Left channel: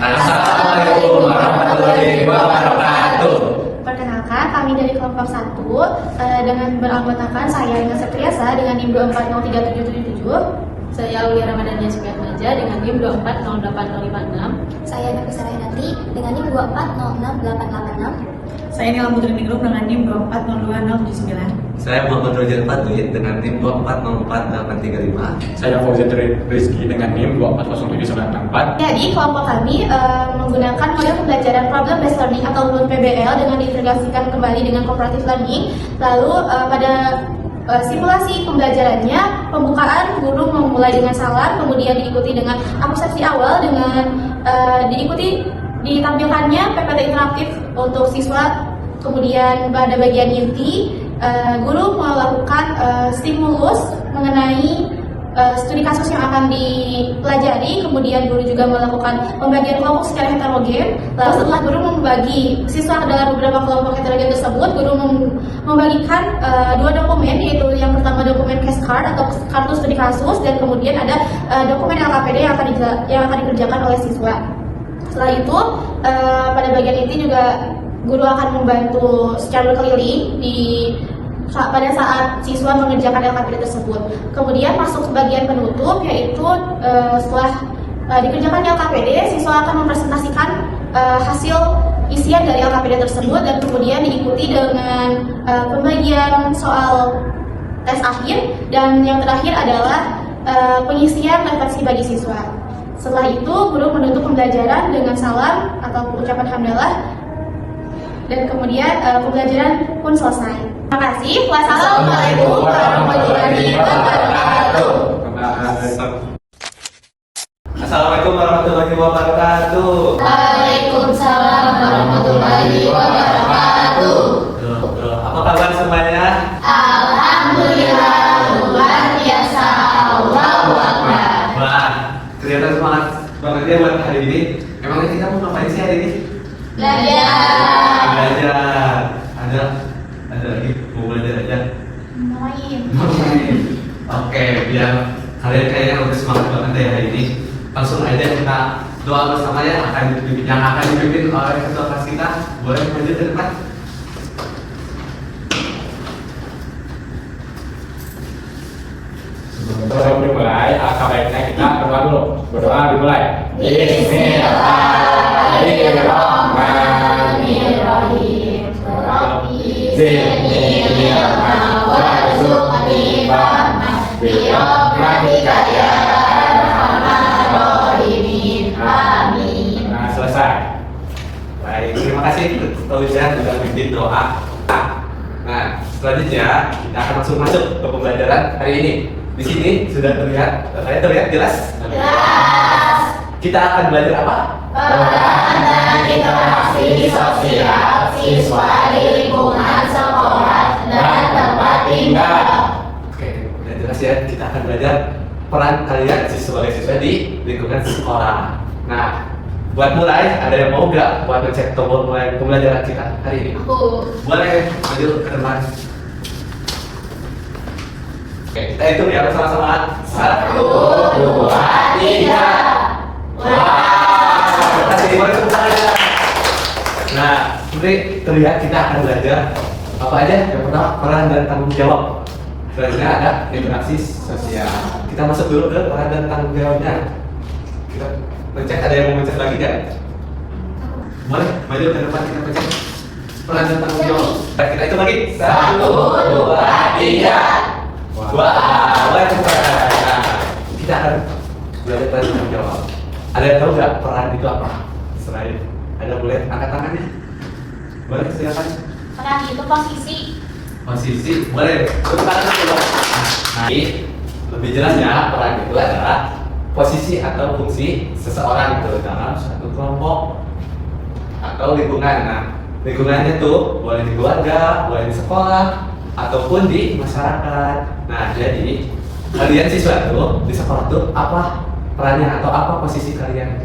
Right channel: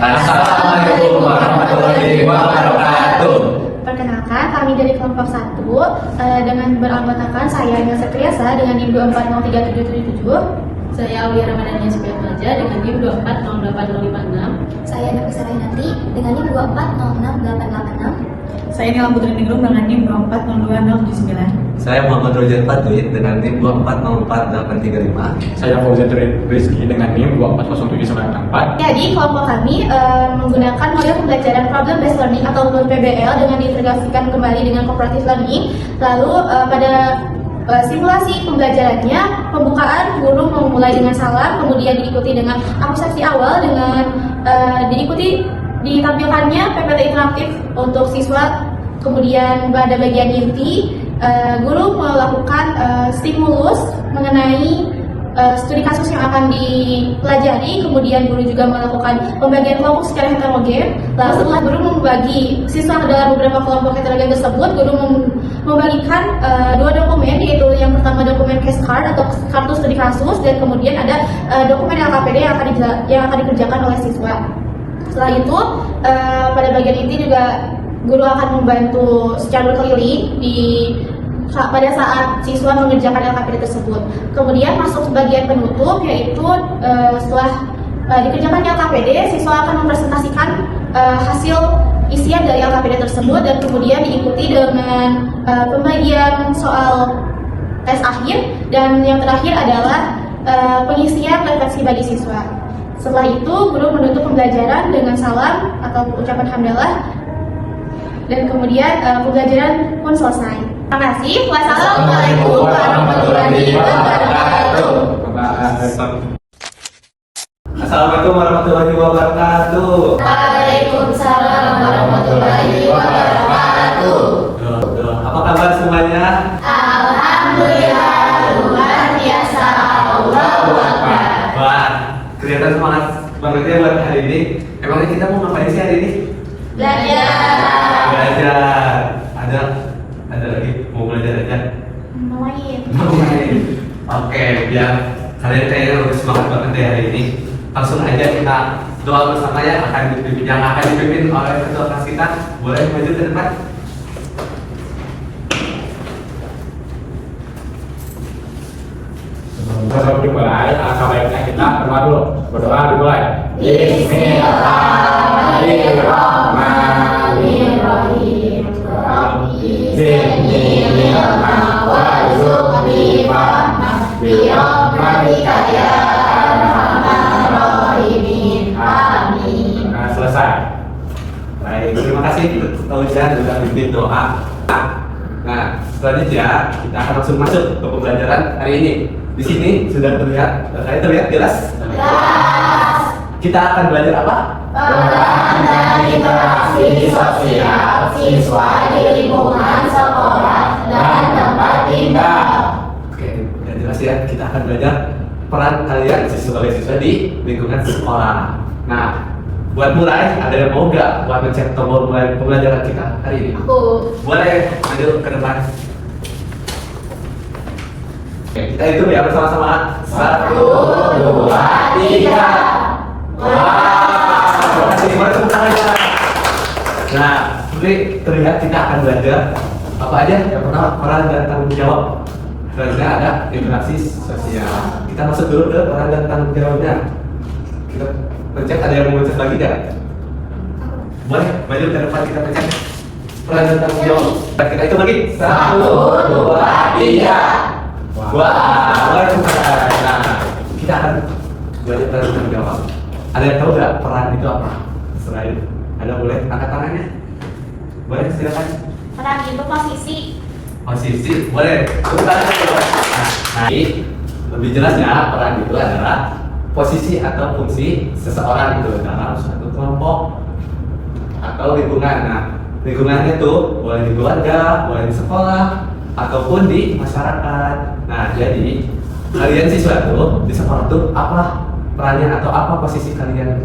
Assalamualaikum warahmatullahi wabarakatuh. Perkenalkan, kami dari kelompok 1 dengan beranggotakan saya Ina Setriasa dengan NIM 2403777. Saya Aulia Ramadhania Sukamanja dengan NIM 2408056. Saya Nafisa Rainati dengan NIM 2406886. Saya Nila Putri Ningrum dengan NIM 2402079. Saya Muhammad Rojan Fadli dengan NIM 2404835. Saya Fauzan Rizky dengan NIM 2407984. Jadi kelompok kami menggunakan model pembelajaran problem based learning atau PBL dengan diintegrasikan kembali dengan cooperative learning. Lalu pada simulasi pembelajarannya, pembukaan guru memulai dengan salam, kemudian diikuti dengan abstraksi awal dengan diikuti ditampilkannya PPT interaktif untuk siswa. Kemudian pada bagian inti, guru melakukan stimulus mengenai studi kasus yang akan dipelajari. Kemudian guru juga melakukan pembagian kelompok secara heterogen. Lalu setelah guru membagi siswa dalam beberapa kelompok heterogen tersebut, guru membagikan 2 dokumen, yaitu yang pertama dokumen case card atau kartu studi kasus, dan kemudian ada dokumen LKPD yang akan dikerjakan oleh siswa. Setelah itu, pada bagian inti juga guru akan membantu secara berkeliling pada saat siswa mengerjakan LKPD tersebut. Kemudian masuk ke bagian penutup, yaitu setelah dikerjakan LKPD, siswa akan mempresentasikan hasil isian dari LKPD tersebut, dan kemudian diikuti dengan pembagian soal tes akhir, dan yang terakhir adalah pengisian refleksi bagi siswa. Setelah itu, guru menutup pembelajaran dengan salam atau ucapan hamdalah, dan kemudian pembelajaran pun selesai. Terima kasih. Wassalamualaikum warahmatullahi wabarakatuh. Assalamualaikum warahmatullahi wabarakatuh. Waalaikumsalam warahmatullahi wabarakatuh. Apa kabar semuanya? Alhamdulillah, luar biasa. Allahu Akbar. Wah, kelihatan semangat banget ya buat hari ini. Emang kita mau ngapain sih hari ini? Belajar. Ada lagi mau belajar aja. Oke, biar kalian kayaknya lebih semangat banget ya hari ini. Langsung aja kita doa bersama ya, yang akan dipimpin oleh ketua kelas kita. Boleh maju ke depan. Sebelum dimulai, alangkah baiknya kita berdoa dulu. Berdoa dimulai. Bismillahirrahmanirrahim. Zidni ilma warzuqni fahma birahmatika ya arhamar rahimin. Amin. Nah, selesai. Baik, terima kasih Pak Ujan sudah pimpin doa. Nah, selanjutnya kita akan langsung masuk ke pembelajaran hari ini. Di sini sudah terlihat, kalian terlihat jelas? Jelas. Kita akan belajar apa? Peran dan interaksi sosial siswa di lingkungan sekolah dan tempat tinggal. Oke, udah jelas ya. Kita akan belajar peran kalian sebagai siswa di lingkungan sekolah. Nah, buat mulai, ada yang mau nggak buat mencet tombol mulai pembelajaran kita hari ini? Aku. Boleh, maju ke depan. Oke, kita hitung ya bersama-sama. 1, 2, 3. Wah, terima kasih. Boleh tepuk tangan ya. Nah, seperti terlihat kita akan belajar apa aja? Yang pertama, peran dan tanggung jawab. Selanjutnya ada interaksi sosial. Kita masuk dulu ke peran dan tanggung jawabnya. Kita pencet, ada yang mau mencet lagi kan? Boleh, maju ke depan kita pencet. Peran dan tanggung jawab. Nah, kita hitung lagi. 1, 2, 3. Wah, nah, kita akan belajar peran dan tanggung jawab. Ada yang tahu nggak peran itu apa? Selain ada, boleh angkat tangannya. Boleh, silakan. Peran itu posisi. Posisi, boleh. Tepuk tangan dulu. Nah, lebih jelas ya, peran itu adalah posisi atau fungsi seseorang itu dalam suatu kelompok atau lingkungan. Nah, lingkungannya tuh boleh di keluarga, boleh di sekolah, ataupun di masyarakat. Nah, jadi kalian siswa tuh di sekolah tuh apa perannya atau apa posisi kalian?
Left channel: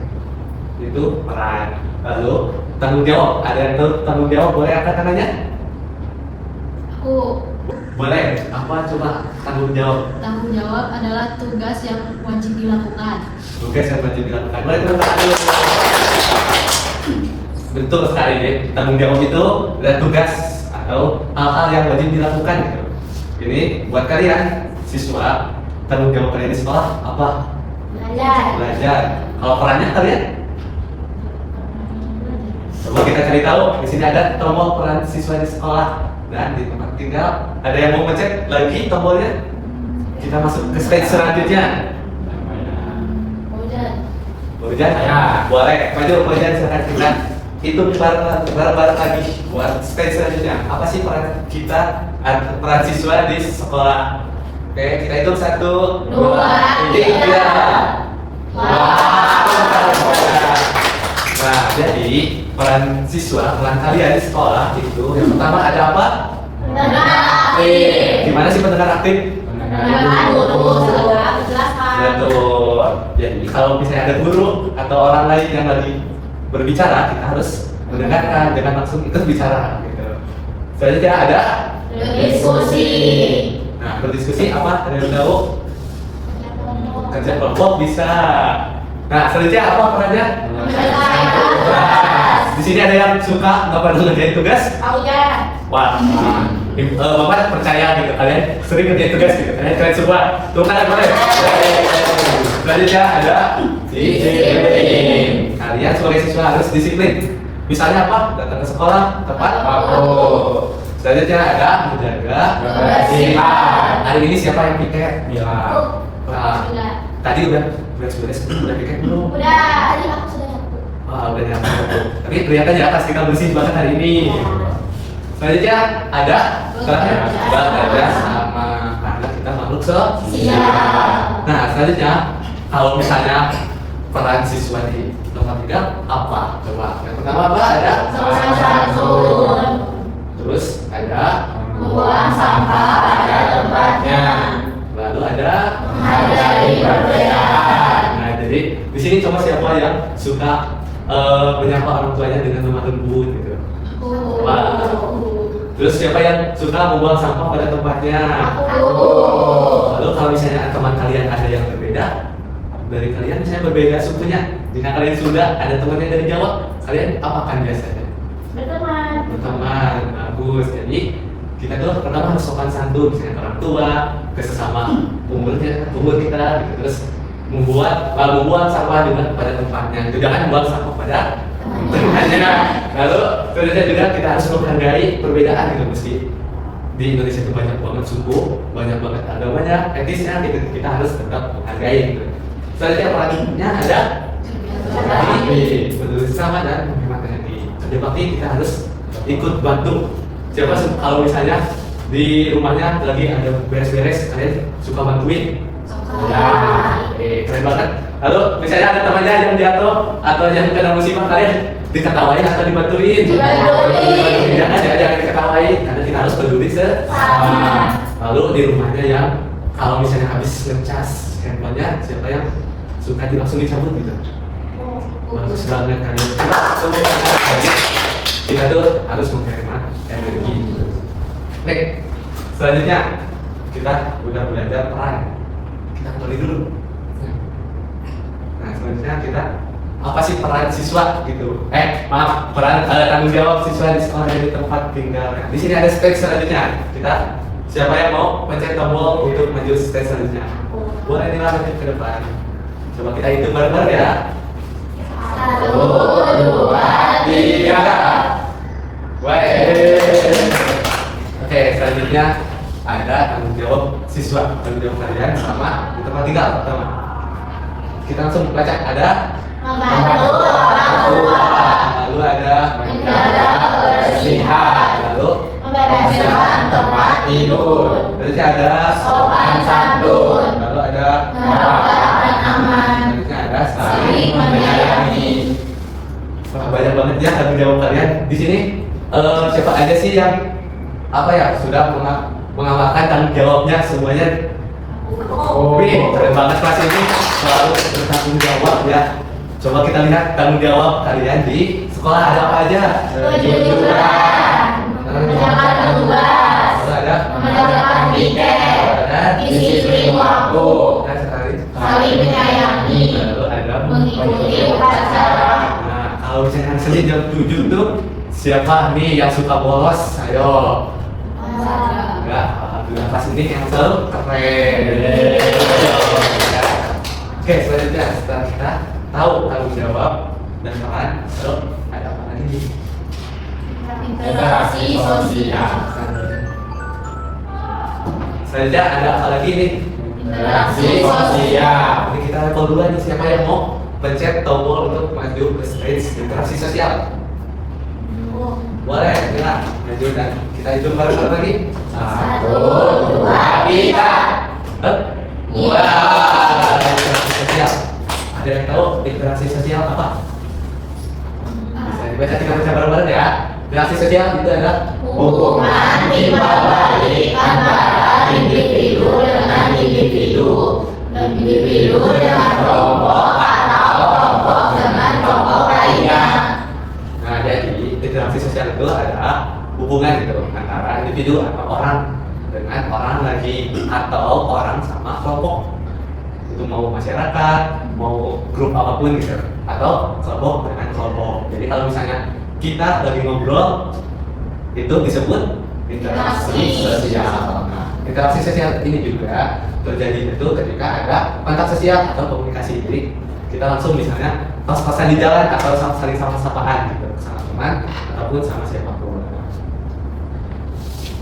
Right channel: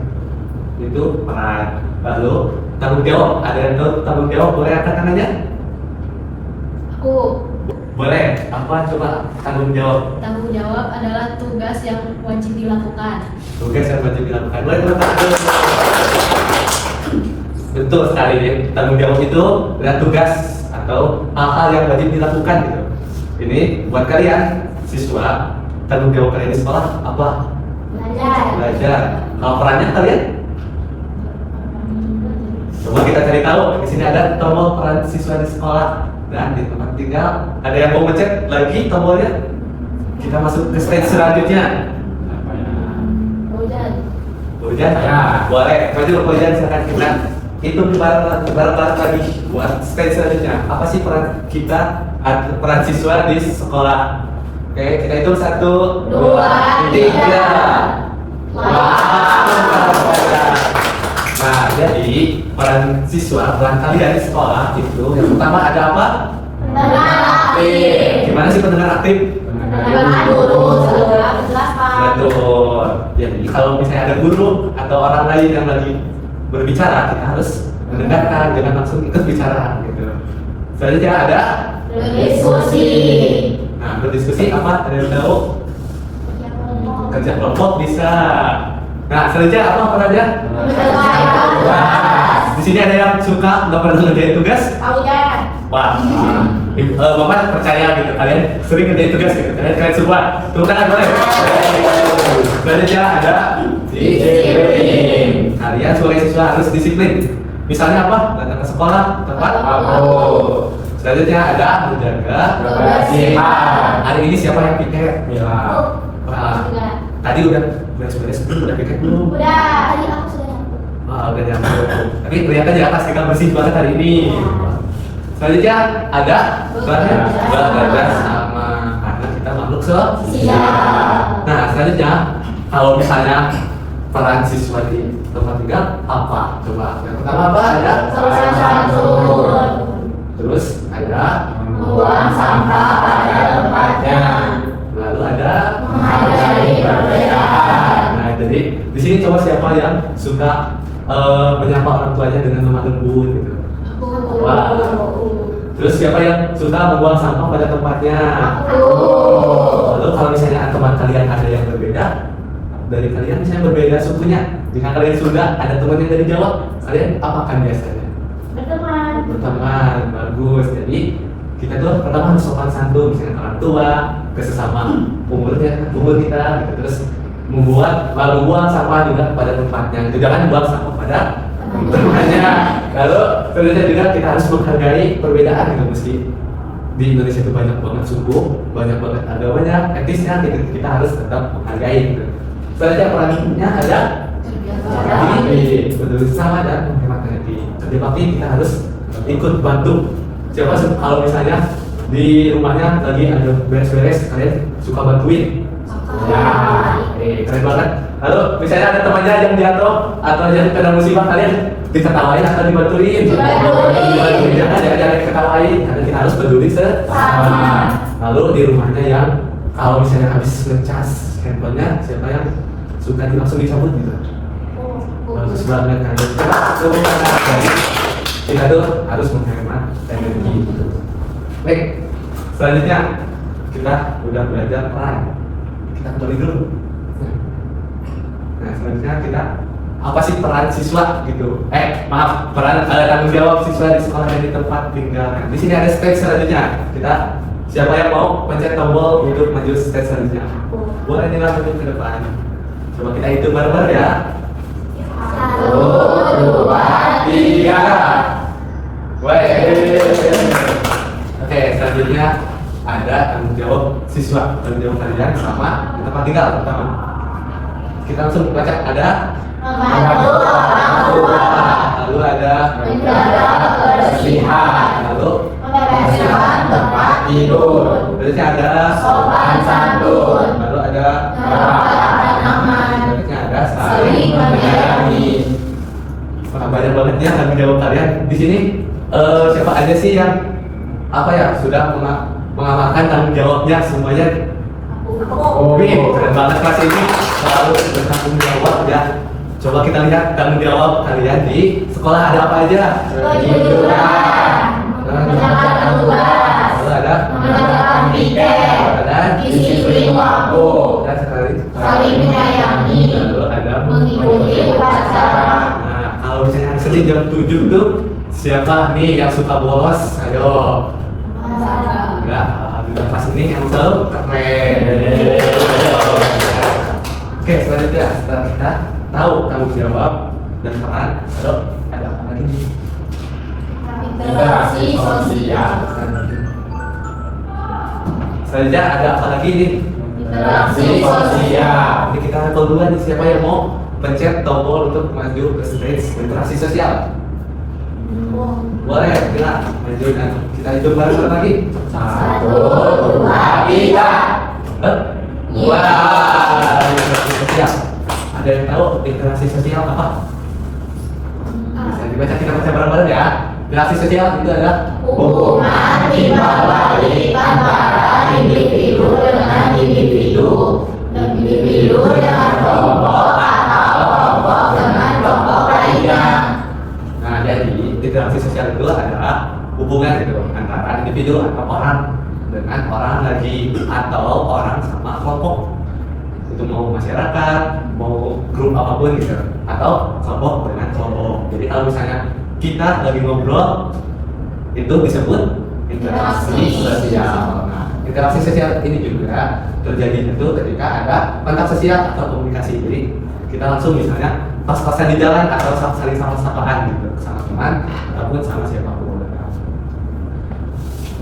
Itu peran. Lalu tanggung jawab, ada yang tahu tanggung jawab? Boleh angkat tangannya? Aku. Boleh. Apa coba tanggung jawab? Tanggung jawab adalah tugas yang wajib dilakukan. Tugas yang wajib dilakukan. Boleh teman-teman. Betul sekali deh. Tanggung jawab itu adalah tugas atau hal-hal yang wajib dilakukan gitu. Ini buat kalian siswa, tanggung jawab kalian di sekolah apa? Belajar. Kalau perannya kalian? Coba kita cari tahu. Di sini ada tombol peran siswa di sekolah dan di tempat tinggal. Ada yang mau mencet lagi tombolnya? Kita masuk ke stage selanjutnya. Hujan? Ya. Boleh. Maju hujan silakan kita hitung bareng-bareng lagi buat stage selanjutnya. Apa sih peran kita, peran siswa di sekolah? Oke, kita hitung 1, 2, 3. Nah, jadi peran siswa, peran kalian di sekolah itu yang pertama ada apa? Gimana sih pendengar aktif? Betul. Jadi kalau misalnya ada guru atau orang lain yang lagi berbicara, kita harus mendengarkan, jangan langsung ikut bicara gitu. Selanjutnya ada Berdiskusi. Nah, berdiskusi apa? Ada yang tahu? Kerja kelompok bisa. Nah, selanjutnya apa perannya? Di sini ada yang suka nggak pernah ngerjain tugas? Wah, Bapak percaya gitu, kalian sering ngerjain tugas gitu, kalian semua. Tepuk tangan boleh. Selanjutnya ada disiplin. Kalian sebagai siswa harus disiplin. Misalnya apa? Datang ke sekolah tepat waktu. Selanjutnya ada menjaga kebersihan. Hari ini siapa yang piket? Mila. Wah, tadi udah beres-beres belum? Udah piket belum? Tadi aku sudah nyapu. Wah, udah nyampe. Tapi kelihatan ya pas kita bersih banget hari ini. Selanjutnya ada belajar sama karena kita makhluk sosial. Nah, selanjutnya kalau misalnya peran siswa di tempat tinggal apa? Coba. Yang pertama apa? Ada Sopan santun. Terus ada Buang sampah pada tempatnya. lalu ada Menghargai perbedaan. Nah, jadi di sini coba siapa yang suka menyapa orang tuanya dengan lemah lembut gitu. Wah. Terus siapa yang suka membuang sampah pada tempatnya? Lalu kalau misalnya teman kalian ada yang berbeda dari kalian, misalnya berbeda sukunya, jika kalian sudah ada teman yang dari Jawa, kalian apakan biasanya? Berteman, bagus. Jadi kita tuh pertama harus sopan santun, misalnya orang tua, ke sesama umur kita, gitu. Terus membuang sampah juga pada tempatnya. Jangan buang sampah pada tempatnya. Lalu selanjutnya juga kita harus menghargai perbedaan gitu, meski di Indonesia itu banyak banget suku, banyak banget agamanya, etnisnya, kita harus tetap menghargai gitu. Selanjutnya perannya ada berbagi sama dan menghemat energi. Jadi pasti kita harus ikut bantu. Siapa kalau misalnya di rumahnya lagi ada beres-beres, kalian suka bantuin? Ya, keren banget. Lalu misalnya ada temannya yang jatuh atau yang kena musibah, kalian diketawain atau dibantuin? Jangan diketawain, karena kita harus peduli sesama. Lalu di rumahnya yang kalau misalnya habis ngecas handphonenya, siapa yang suka langsung dicabut gitu? Bagus banget kan? Jadi kita tuh harus menghemat energi gitu. Baik, selanjutnya kita udah belajar peran. Kita kembali dulu. Nah, selanjutnya kita apa sih peran siswa gitu? Maaf, peran tanggung jawab siswa di sekolah dan di tempat tinggal. Nah, di sini ada stage selanjutnya. Kita siapa yang mau pencet tombol untuk maju stage selanjutnya? Boleh nih maju ke depan. Coba kita hitung bareng-bareng ya. 1, 2, 3. Oke, selanjutnya ada tanggung jawab siswa, tanggung jawab kalian sama di tempat tinggal pertama. Kita langsung baca, ada Membantu orang tua. lalu ada Menjaga kebersihan. lalu Membereskan tempat tidur. berarti ada Sopan santun. lalu ada Merawat aman. berarti ada Saling menyayangi. Wah, banyak banget ya tanggung jawab kalian di sini. Siapa aja sih yang apa ya sudah mengamalkan tanggung jawabnya semuanya? Wih, keren banget kelas ini selalu bertanggung jawab ya. Coba kita lihat tanggung jawab kalian di sekolah ada apa aja? Kejujuran. Menjalankan tugas. Lalu ada Menegakkan piket. dan Disiplin waktu. dan sekali. Saling menyayangi. Lalu ada Mengikuti upacara. Nah, kalau misalnya hari nanti jam 7 tuh siapa nih yang suka bolos? Ayo. Enggak, alhamdulillah pas ini yang keren. Oke, selanjutnya setelah kita tahu tanggung jawab dan peran, lalu ada apa lagi nih? Interaksi sosial. Selanjutnya ada apa lagi nih? Interaksi sosial. Jadi kita level 2 nih, siapa yang mau pencet tombol untuk maju ke stage interaksi sosial? Boleh, kita maju dan kita hitung bareng-bareng lagi. 1, 2, 3. Wah, interaksi sosial. Ada yang tahu interaksi sosial apa? Bisa dibaca, kita baca bareng-bareng ya. Interaksi sosial itu adalah Hubungan timbal balik antara individu dengan individu, individu dengan kelompok atau kelompok dengan kelompok lainnya. Nah, jadi interaksi sosial itu adalah hubungan gitu antara individu atau orang dengan orang lagi atau orang sama kelompok. Itu mau masyarakat, mau grup apapun gitu, atau kelompok dengan kelompok. Jadi kalau misalnya kita lagi ngobrol, itu disebut interaksi sosial. Nah, interaksi sosial ini juga terjadi itu ketika ada kontak sosial atau komunikasi. Jadi kita langsung misalnya pas-pasan di jalan atau saling sama-sapaan gitu sama teman ataupun sama siapapun.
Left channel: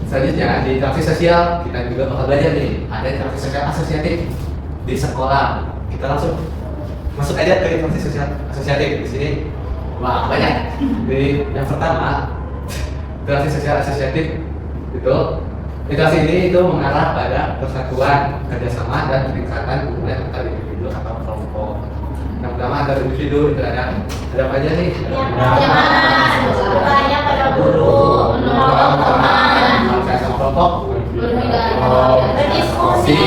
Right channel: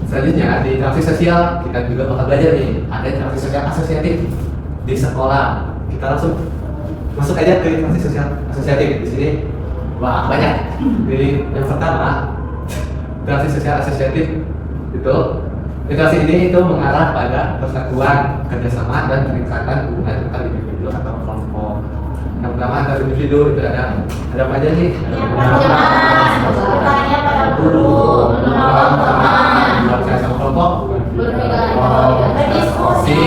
Selanjutnya di interaksi sosial kita juga bakal belajar nih, ada interaksi sosial asosiatif di sekolah. Kita langsung masuk aja ke interaksi sosial asosiatif. Di sini wah banyak. Jadi yang pertama interaksi sosial asosiatif itu interaksi ini itu mengarah pada persatuan, kerjasama dan peningkatan hubungan antar individu atau kelompok. Yang pertama antar individu itu ada apa aja nih? Bertanya pada guru, menolong teman, Kalau saya sama kelompok, berdiskusi,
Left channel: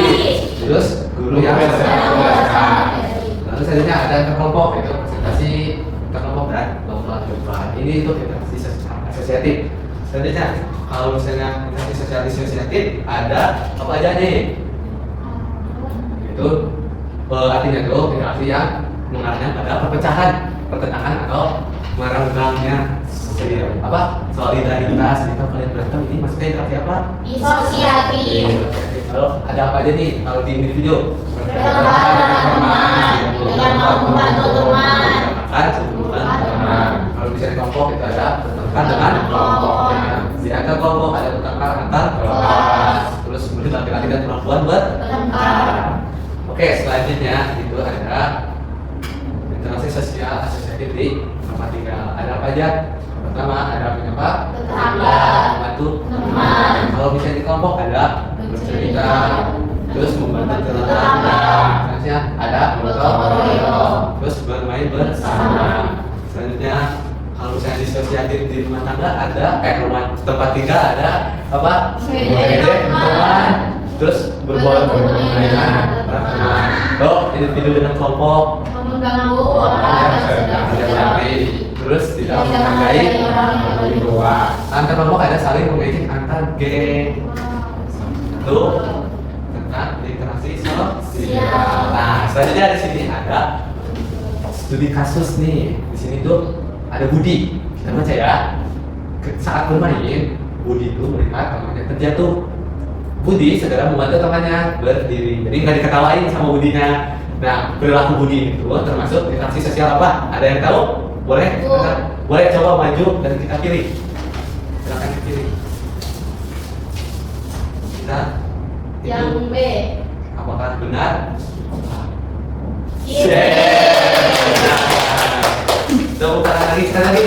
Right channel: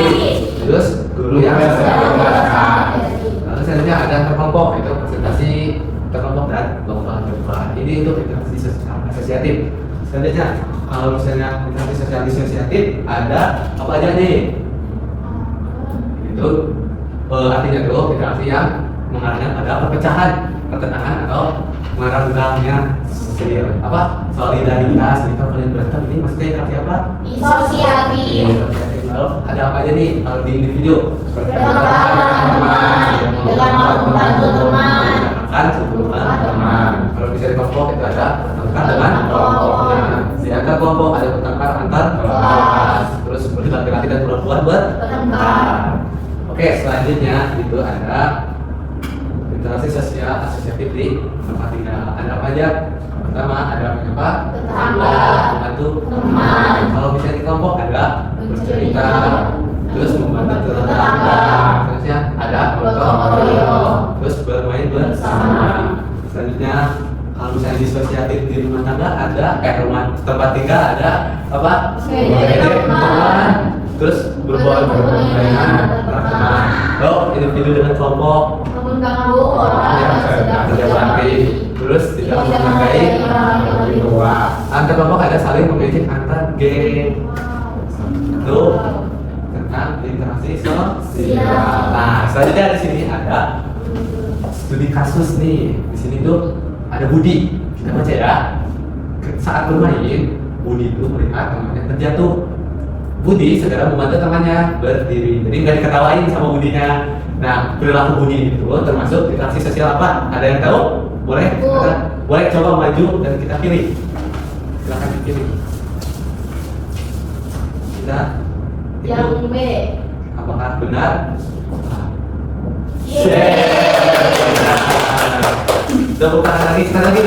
terus guru yang mengajarkan. Lalu selanjutnya ada antar kelompok, itu presentasi antar kelompok dan lomba-lomba. Ini itu interaksi sosial asosiatif. Selanjutnya kalau misalnya interaksi sosial disosiatif ada apa aja nih? Itu artinya itu interaksi yang mengarahnya pada perpecahan, pertentangan atau merenggangnya solidaritas. Itu kalian berantem ini maksudnya interaksi apa? disosiatif, Lalu ada apa aja nih kalau di individu? dengan membantu teman, Teman. Kalau bisa di kelompok itu ada pertengkar dengan kelompoknya. Di antar kelompok ada pertengkar antar kelas. Terus kemudian laki-laki dan perempuan bertengkar. Oke, selanjutnya itu ada interaksi sosial asosiatif di tempat tinggal. Ada apa aja? Pertama ada apa? Tetangga, Membantu teman, Kalau bisa di kelompok ada bercerita, terus membantu tetangga. Selanjutnya ada gotong royong, terus bermain bersama. Selanjutnya kalau misalnya disosiatif di rumah tangga ada rumah tempat tinggal ada apa? Sepeda teman. Terus berbuat dengan teman. Oh, individu dengan kelompok mengganggu orang yang sedang berjari, terus tidak menghargai lebih tua. Antar kelompok ada saling mengejek antar geng. Itu tentang interaksi sosial. Nah, selanjutnya di sini ada studi kasus nih. Di sini tuh ada Budi. Kita baca ya. Saat bermain, Budi itu melihat temannya terjatuh. Budi segera membantu temannya berdiri. Jadi nggak diketawain sama Budinya. Nah, perilaku Budi itu termasuk interaksi sosial apa? Ada yang tahu? Boleh? Boleh coba maju dan kita pilih. Silakan dipilih. Kita yang itu B. apakah benar? Tepuk tangan lagi sekali lagi.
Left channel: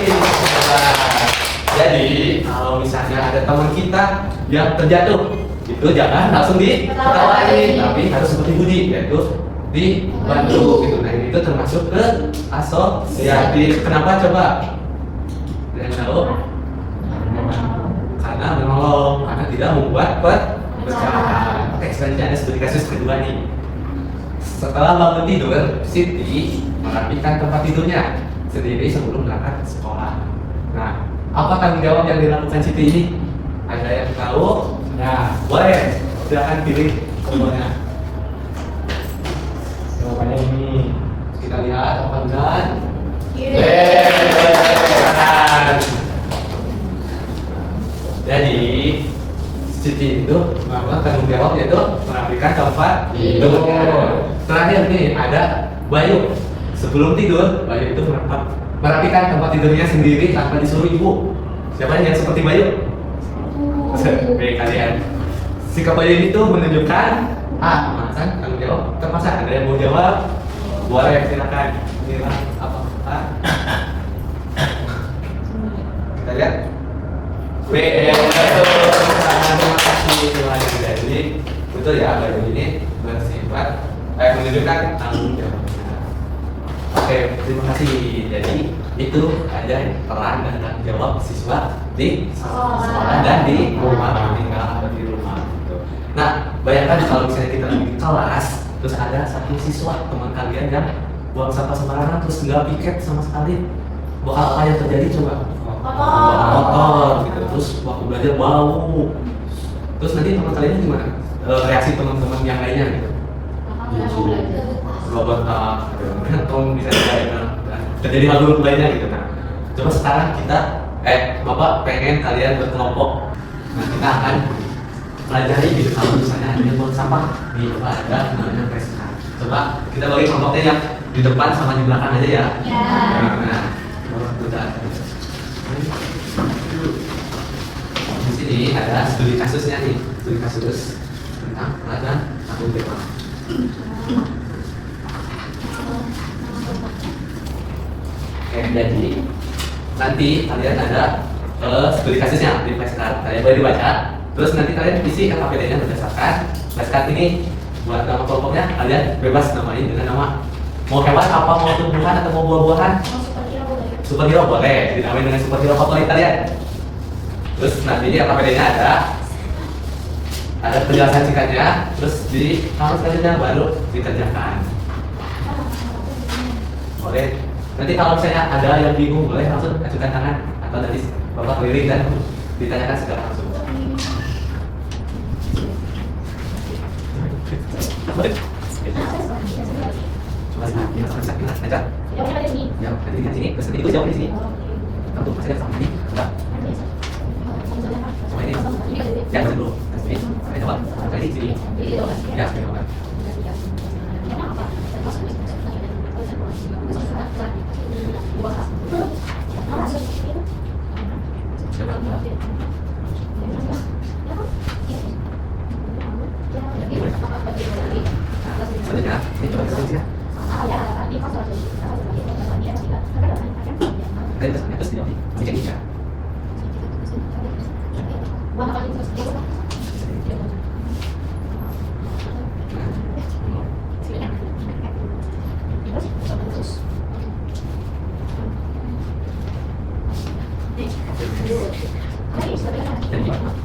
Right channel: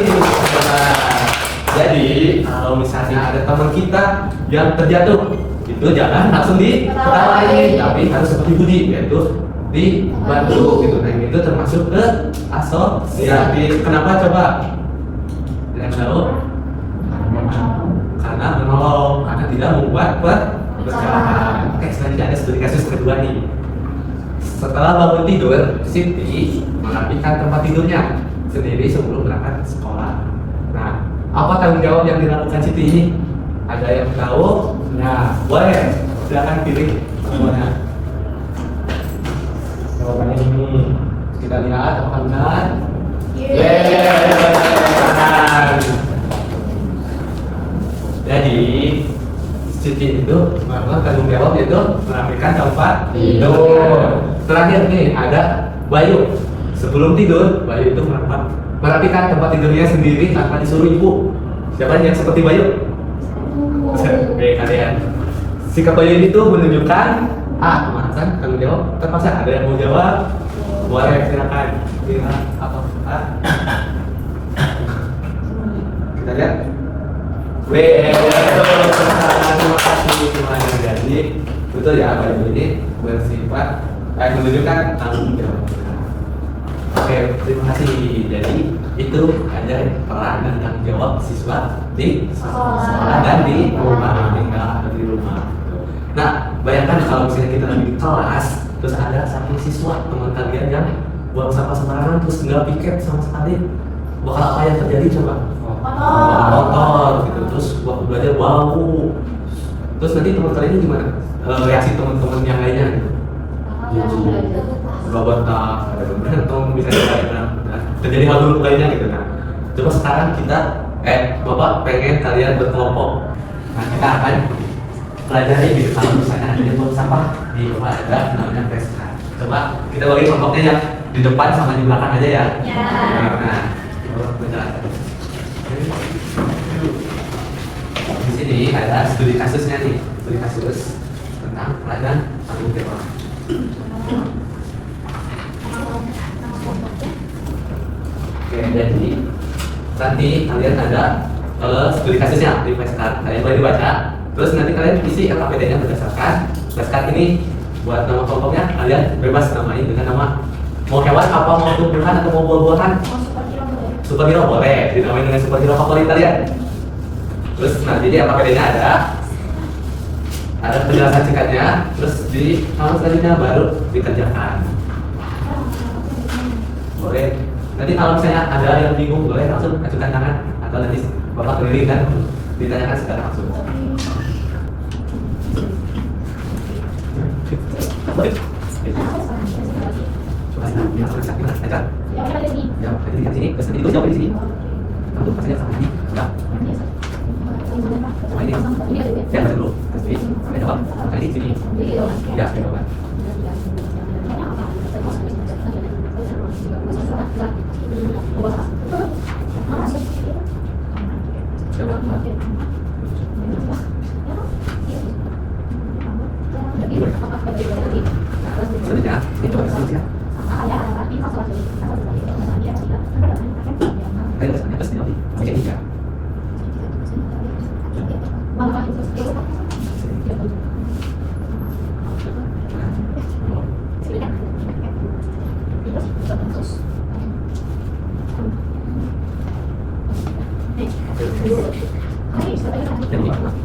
Jadi kalau misalnya ada teman kita yang terjatuh, itu jangan langsung diketawain, tapi harus seperti Budi, yaitu dibantu gitu. Nah itu termasuk ke asosiatif. Kenapa coba? Tidak tahu? Karena menolong, karena tidak membuat perpecahan. Oke, selanjutnya ada studi kasus kedua nih. Setelah bangun tidur, Siti merapikan tempat tidurnya sendiri sebelum berangkat ke sekolah. Nah, apa tanggung jawab yang dilakukan Siti ini? Ada yang tahu? Nah, boleh. Silahkan pilih semuanya. Jawabannya ini kita lihat apakah benar? Disiplin itu melakukan tanggung jawab yaitu merapikan tempat tidur. Terakhir nih ada Bayu. Sebelum tidur, Bayu itu merapikan tempat tidurnya sendiri tanpa disuruh ibu. Siapa yang seperti Bayu? Oke, kalian. Sikap Bayu ini tuh menunjukkan kemanasan tanggung jawab. Terpaksa ada yang mau jawab? Boleh, silakan. Apa? Kita lihat. Terima kasih. Jadi betul ya, Bayu ini bersifat menunjukkan tanggung jawab. Oke, terima kasih. Jadi itu ada peran dan tanggung jawab siswa di sekolah dan di rumah, tinggal atau di rumah. Nah, bayangkan kalau misalnya kita lagi di kelas, terus ada satu siswa teman kalian yang buang sampah sembarangan terus nggak piket sama sekali, bakal apa yang terjadi coba? Kotor gitu. Terus waktu belajar bau. Terus nanti teman kalian gimana? Reaksi teman-teman yang lainnya gitu? Robot atau bisa terjadi hal buruk lainnya gitu kan. Coba sekarang kita Bapak pengen kalian berkelompok. Nah, kita akan pelajari gitu kalau misalnya ada yang buang sampah di depan ada namanya PSK. Coba kita bagi kelompoknya yang di depan sama di belakang aja ya. Nah, di sini ada studi kasusnya nih, studi kasus tentang pelajaran tanggung jawab. Oke, jadi nanti kalian ada studi kasusnya di flashcard, kalian boleh dibaca. Terus nanti kalian isi LKPD-nya berdasarkan flashcard ini. Buat nama kelompoknya kalian bebas namain dengan nama mau hewan apa, mau tumbuhan atau mau buah-buahan. Superhero boleh dinamain dengan superhero favorit kalian. Terus nanti di LKPD-nya ada penjelasan singkatnya. Terus di kalau selanjutnya baru dikerjakan. Boleh. Nanti kalau misalnya ada yang bingung boleh langsung ajukan tangan atau nanti Bapak keliling dan ditanyakan secara langsung. Boleh. Ya, di sini, terus itu jawab di sini. Kamu tuh pasti ada sama ini. Udah. Sama ini. Ya, baca dulu. Terus ini, saya jawab. Kali di sini. Ya, saya jawab. Selanjutnya, ini coba kasih ya. Kalian terus nanti macam ini ya.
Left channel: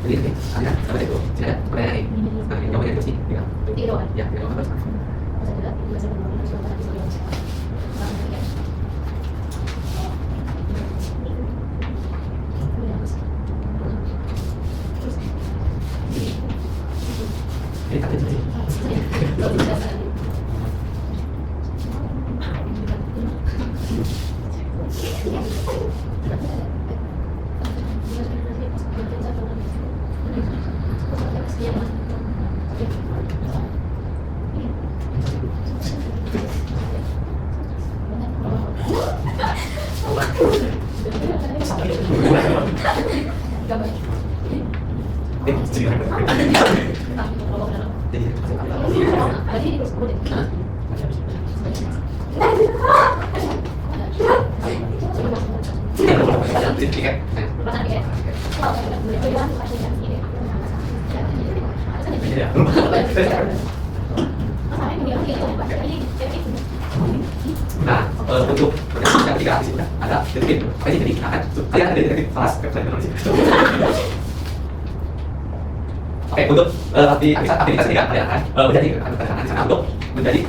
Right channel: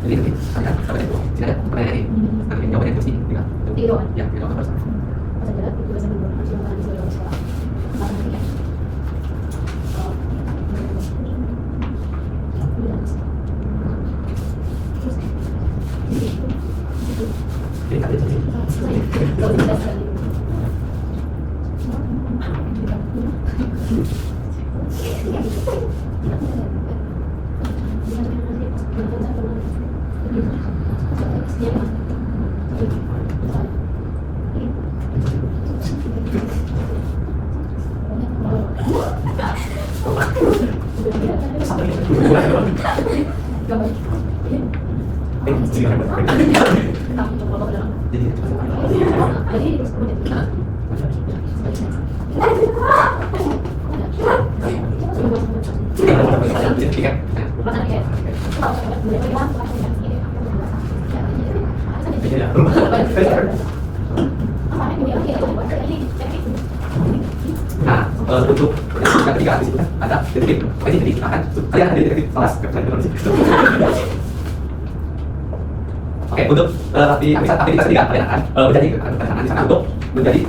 Jadi apa itu? Tidak ada pertanyaan ini. Nanti jawabannya terus nih, tinggal. Ya, tinggal terus. Nah, untuk yang ketiga di sini ada detektif. Ini jadi kan kalian ada detektif kelas Oke, untuk aktivitas ketiga kalian akan menjadi keterangan di sana untuk menjadi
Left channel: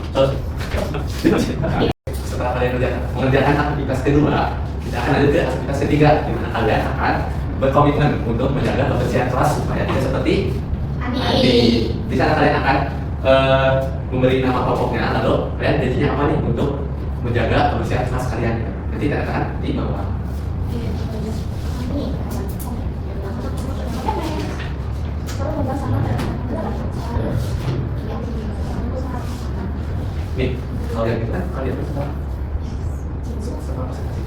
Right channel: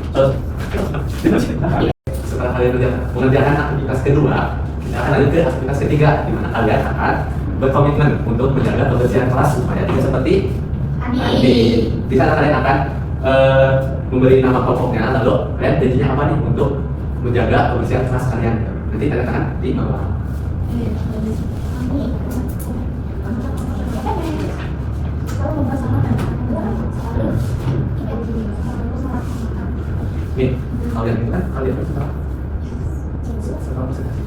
setelah kalian mengerjakan aktivitas kedua, kita akan lanjut ke aktivitas ketiga di mana kalian akan berkomitmen untuk menjaga kebersihan kelas supaya tidak seperti nanti. Di sana kalian akan memberi nama kelompoknya, lalu kalian janjinya apa nih untuk menjaga kebersihan kelas kalian. Nanti tanda tangan di bawah. kalian sekarang presentasi.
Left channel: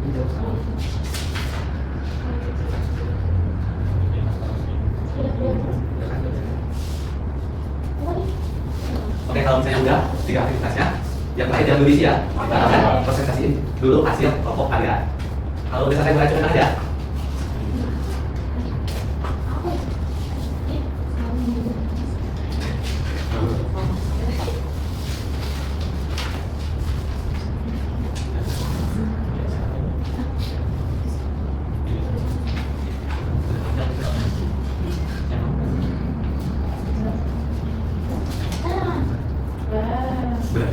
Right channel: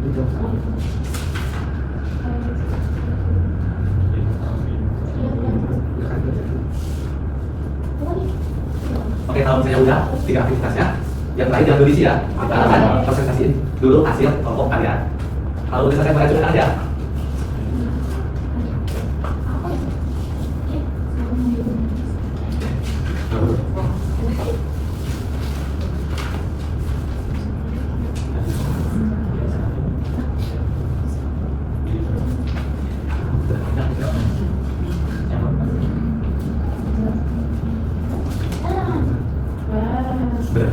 Ini jawab saya. Oke, kalau misalnya udah 3 aktivitasnya, yang terakhir jangan diisi ya. Kita akan presentasiin dulu hasil kelompok kalian. Kalau udah selesai mulai tunjukkan aja. Benar.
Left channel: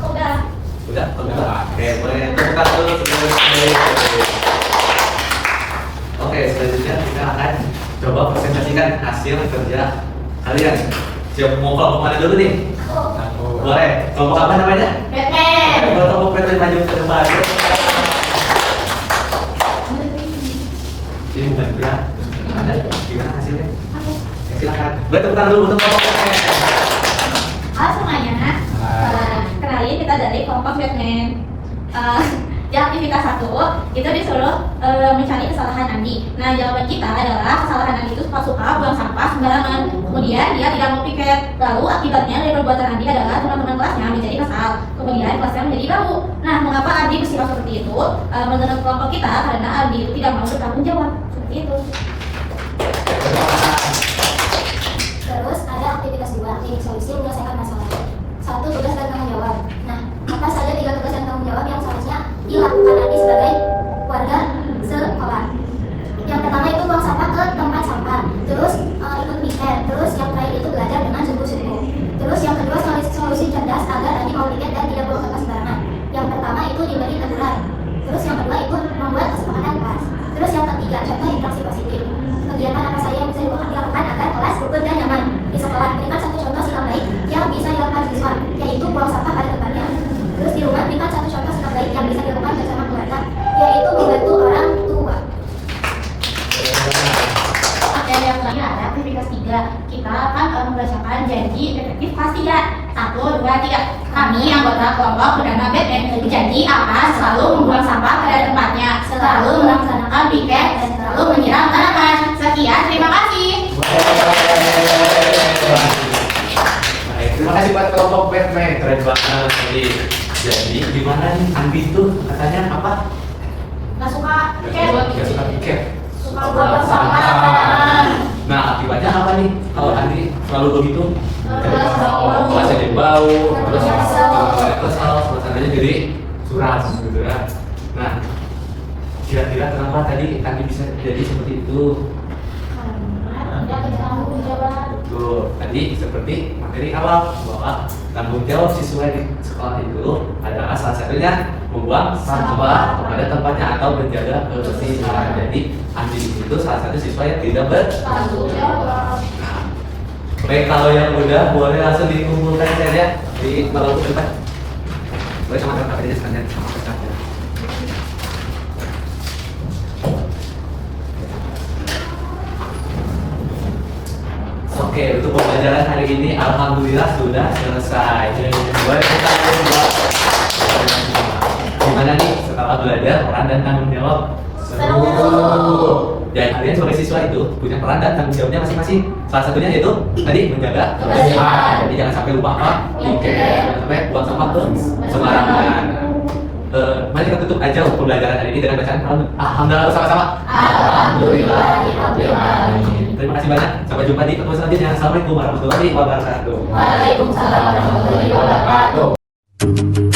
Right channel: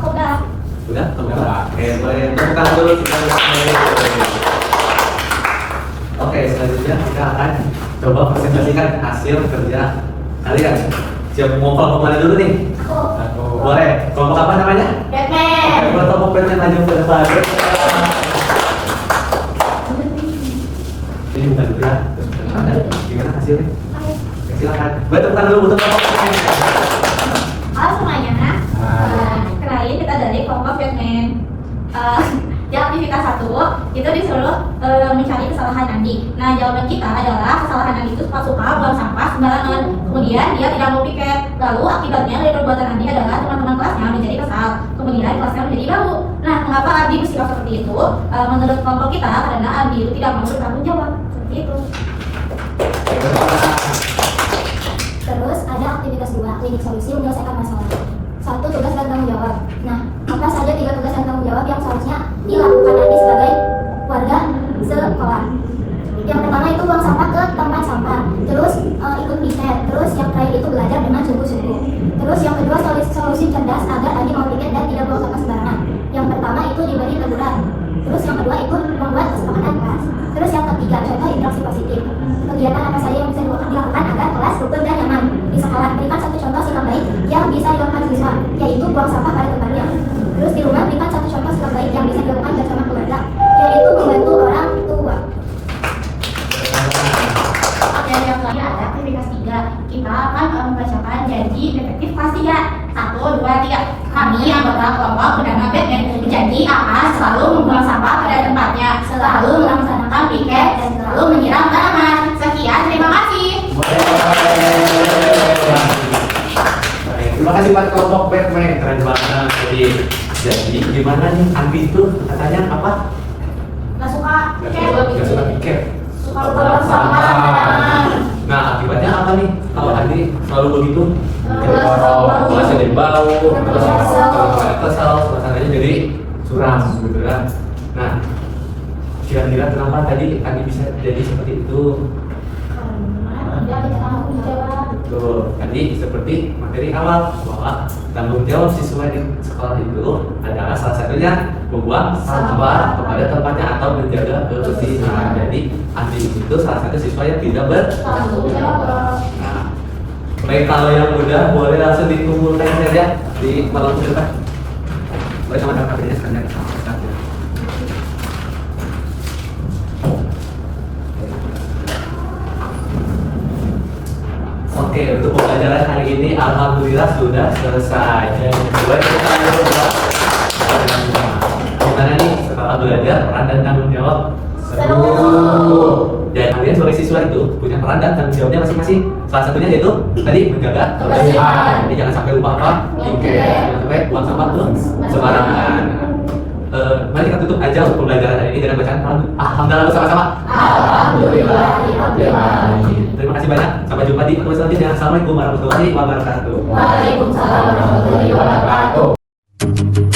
Aku udah. Udah? Udah. Oke, boleh tepuk tangan dulu. Oke, selanjutnya kita akan coba presentasikan hasil kerja kalian. Siap kelompok mana dulu nih? Boleh. Kelompok apa namanya? Batman. Oke, kelompok Batman maju ke depan. Ini bukan itu ya. Gimana hasilnya? Silakan. Boleh tepuk tangan dulu untuk kelompok Batman. Halo semuanya. Kenalin kita dari kelompok Batman. Di aktivitas 1 itu disuruh mencari kesalahan Andi. Nah, jawaban kita adalah kesalahan Andi itu suka buang sampah sembarangan. Kemudian dia tidak mau piket. Lalu akibatnya dari perbuatan Andi adalah teman-teman kelasnya menjadi kesal. Kemudian kelasnya menjadi baru. Nah, mengapa Andi bersikap seperti itu? Menurut kelompok kita karena Andi itu tidak mau bertanggung jawab. Seperti itu. Terus ada aktivitas 2, klinik solusi menyelesaikan masalah. 1, tugas dan tanggung jawab. Nah, apa saja 3 tugas dan tanggung jawab yang seharusnya dilakukan Andi sebagai warga sekolah? Yang pertama itu buang sampah ke tempat sampah. Terus ikut piket. Terus yang terakhir itu belajar dengan sungguh-sungguh. Terus yang kedua solusi cerdas agar Andi mau piket dan tidak buang sampah sembarangan. Yang pertama itu diberi teguran. Terus yang kedua itu membuat kesepakatan kelas. Terus yang ketiga contoh interaksi positif. Kegiatan apa saja yang bisa dilakukan agar kelas rukun dan nyaman di sekolah. Berikan 1 contoh sikap baik yang bisa dilakukan siswa, yaitu buang sampah pada tempatnya. Terus di rumah berikan 1 contoh sikap baik yang bisa dilakukan bersama keluarga, yaitu membantu orang tua. Oke, yang terakhir ada aktivitas 3. Kita akan membacakan janji detektif pastian. 1, 2, 3. Kami anggota kelompok bernama Batman berjanji akan selalu membuang sampah pada tempatnya, selalu melaksanakan piket, dan selalu menyiram tanaman. Sekian, terima kasih. Terima kasih buat kelompok Batman, keren banget. Jadi gimana nih Andi itu katanya apa? Gak suka piket. Nggak suka piket. Suka buang sampah. Nah akibatnya apa nih kalau Andi selalu begitu? Kesel. Jadi bau, terus Kesel. kesal, suasananya jadi suram gitu kan. Nah kira-kira kenapa tadi Andi bisa jadi seperti itu? Betul, tadi seperti materi awal bahwa tanggung jawab siswa di sekolah itu adalah salah satunya membuang sampah kepada tempatnya atau menjaga kebersihan. Jadi Andi itu salah satu siswa yang tidak bertanggung jawab. Nah, baik kalau yang udah boleh langsung dikumpulkan saja di malam depan. Boleh sama teman-temannya sekalian. Oke, untuk pembelajaran hari ini alhamdulillah sudah selesai. Boleh kita lihat gimana nih setelah belajar peran dan tanggung jawab? Seru. Jadi kalian sebagai siswa itu punya peran dan tanggung jawabnya masing-masing. Salah satunya yaitu tadi menjaga kebersihan. Jadi jangan sampai lupa apa? Jangan sampai buang sampah tuh sembarangan. Mari kita tutup aja untuk pembelajaran hari ini dengan bacaan alhamdulillah bersama-sama. Alhamdulillah. Terima kasih banyak. Sampai jumpa di pertemuan selanjutnya. Assalamualaikum warahmatullahi wabarakatuh. Waalaikumsalam warahmatullahi wabarakatuh.